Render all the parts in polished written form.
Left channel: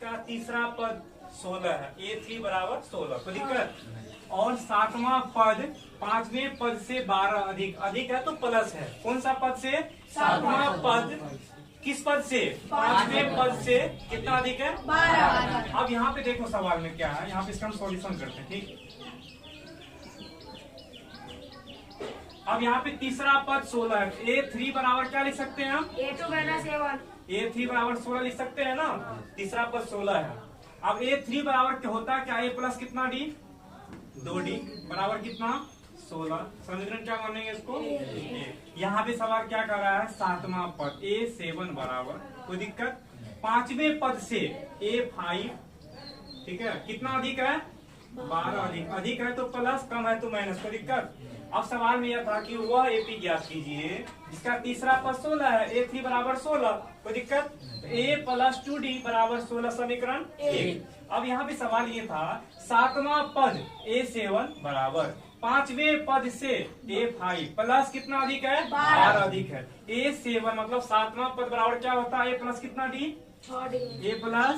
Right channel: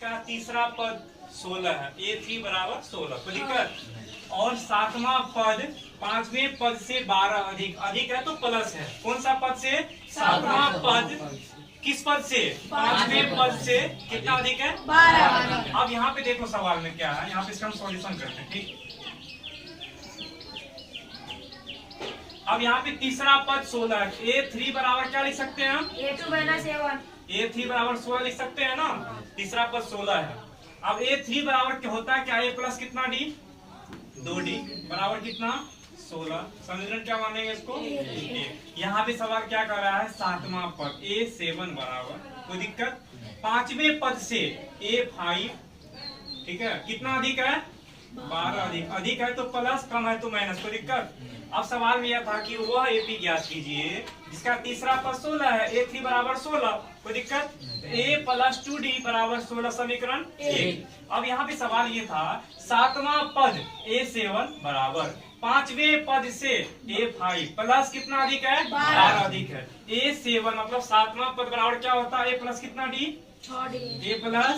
जिसका तीसरा पद 16 है, A3 बराबर 16, कोई दिक्कत। और सातवां पद पांचवें पद से 12 अधिक, अधिक है तो प्लस है, कौन सा पद से? सातवां पद किस पद से? पांचवें पद से कितना अधिक है? 12। अब यहाँ पे देखो सवाल में क्या है, यहाँ पे इसका हम सॉल्यूशन करते हैं, ठीक। अब यहाँ पे तीसरा पद 16 है, A3 बराबर क्या लिख सकते हैं हम? A2 minus A1। A3 बराबर 16 लिख सकते हैं ना, तीसरा पद 16 है। अब A3 बराबर क्या होता है, क्या A प्लस कितना D? 2D बराबर कितना? 16। समीकरण क्या मानेंगे इसको? यहाँ पे सवाल क्या कर रहा है, सातवां पद A7 बराबर, कोई दिक्कत। पांचवें पद से A5, ठीक है, कितना अधिक है? 12 अधिक, अधिक है तो प्लस, कम है तो माइनस, कोई दिक्कत। अब सवाल में यह था कि वह AP ज्ञात कीजिए जिसका तीसरा पद 16 है, A3 बराबर 16, कोई दिक्कत। A प्लस 2D बराबर 16, समीकरण 1। अब यहाँ पे सवाल ये था, सातवां पद A7 बराबर पांचवें पद से A5 प्लस कितना अधिक है? 12 अधिक है। A7 मतलब सातवां पद बराबर क्या होता है? A प्लस कितना D? 6D। A plus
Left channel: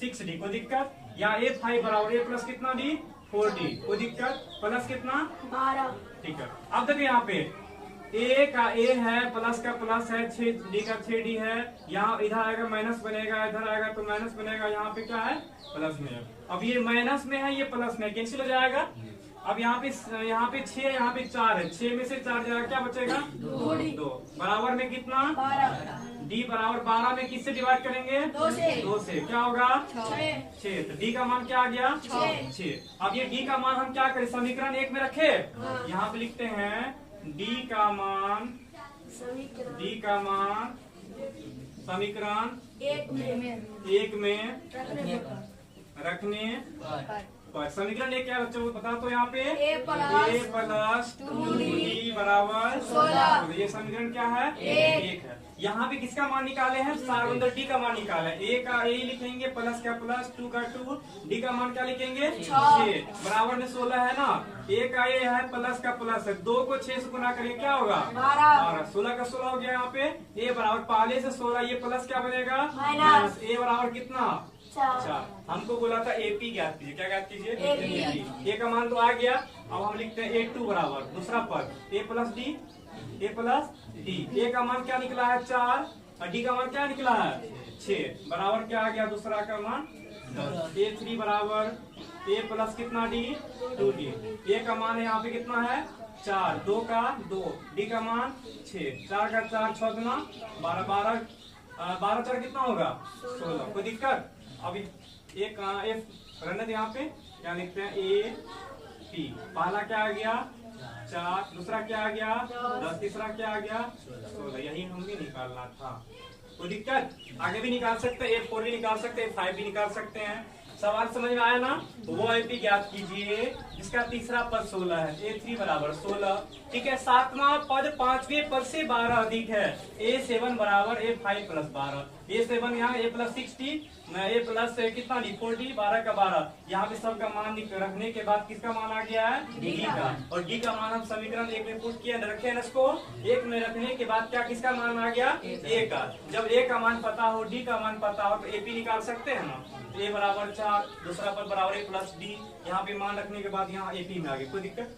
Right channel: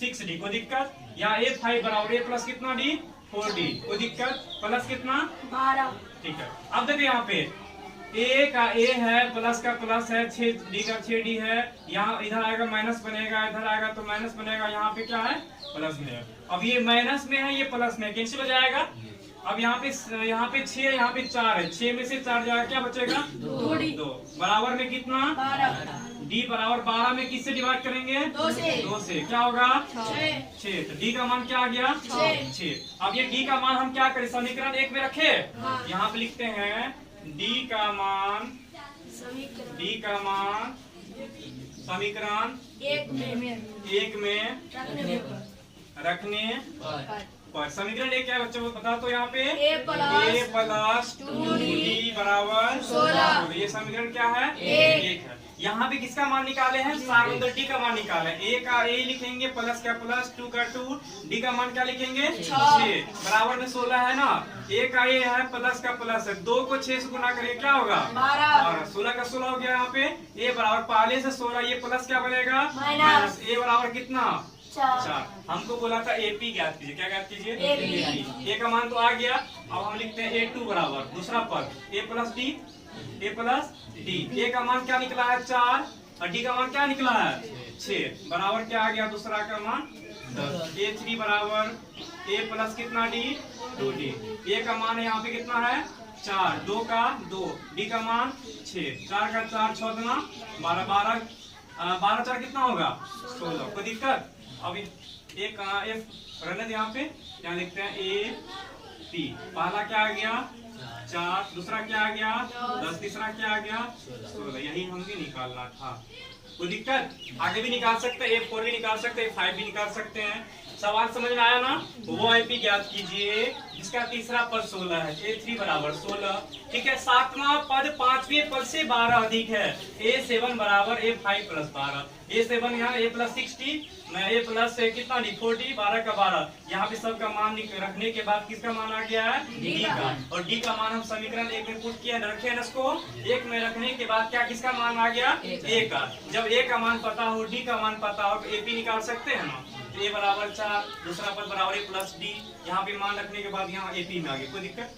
6D, कोई दिक्कत। या A5 बराबर A प्लस कितना D? 4D, कोई दिक्कत। प्लस कितना? 12। ठीक है। अब देखिए यहाँ पे A का A है, प्लस का प्लस है, 6D का 6D है, यहाँ इधर आएगा माइनस बनेगा, इधर आएगा तो माइनस बनेगा, यहाँ पे क्या है? प्लस में है। अब ये माइनस में है, ये प्लस में, कैंसिल हो जाएगा। अब यहाँ पे 6, यहाँ पे 4 है, 6 में से 4 जाएगा, क्या बचेगा? 2 बराबर में कितना? 12। D बराबर 12 में किससे डिवाइड करेंगे? 2 से क्या होगा? 6। तो D का मान क्या आ गया? 6। अब ये D का मान हम क्या करें, समीकरण 1 में रखे। यहाँ पे लिखते हैं D का मान समीकरण 1 में रखने पर। समीकरण 1 क्या है बच्चों, बता तो यहाँ पे A प्लस 2D बराबर 16। ये समीकरण क्या है? 1 है। यहाँ पे किसका मान निकाले हैं? सार्वंतर D का मान निकाला है। A का A लिखेंगे, प्लस का प्लस, 2 का 2, D का मान क्या लिखेंगे? 6 बराबर में 16 है ना। A का A है, प्लस का प्लस है, 2 को 6 से गुना करेंगे, क्या होगा? 12। 16 का 16 हो गया। यहाँ पे A बराबर पहले से 16, ये प्लस क्या बनेगा? माइनस। A बराबर कितना? 4। हमको बोला था AP ज्ञात कीजिए, क्या ज्ञात कीजिए? A का मान तो आ गया। अब हम लिखते हैं A2 बराबर दूसरा पद A प्लस D। A का मान क्या निकला है? 4, और D का मान क्या निकला है? 6 बराबर क्या आ गया? दूसरा का मान 10। A3 बराबर A प्लस कितना D? 2D। A का मान यहाँ पे कितना है? 4, 2 का 2, D का मान 6, 4 का 4, 6 गुना 12, 12 4 कितना होगा? 16, कोई दिक्कत। अब एक F रहने यहाँ पे, यहाँ लिखते हैं AP। पहला क्या आ गया? 4, दूसरा क्या आ गया? 10, तीसरा क्या आ गया? 16। यही हमें निकालना था, कोई दिक्कत। आगे भी निकाल सकते हैं, A4 भी निकाल सकते हैं, 5 भी निकाल सकते हैं। सवाल समझ में आया ना? वो AP ज्ञात कीजिए जिसका तीसरा पद 16 है, A3 बराबर 16, ठीक है। सातवां पद पांचवें पद से 12 अधिक है, A7 बराबर A5 प्लस 12। A7 यहाँ A प्लस 60, A प्लस कितना D? 40, 12 का 12। यहाँ पे सबका मान रखने के बाद किसका मान आ गया है? D का। और D का मान हम समीकरण 1 में पुट किया, रखे हैं इसको 1 में रखने के बाद क्या किसका मान आ गया? A का। जब A का मान पता हो, D का मान पता हो, तो AP निकाल सकते हैं ना। A बराबर 4, दूसरा पद बराबर A प्लस D, यहाँ पे मान रखने के बाद यहाँ AP में आ गया, कोई दिक्कत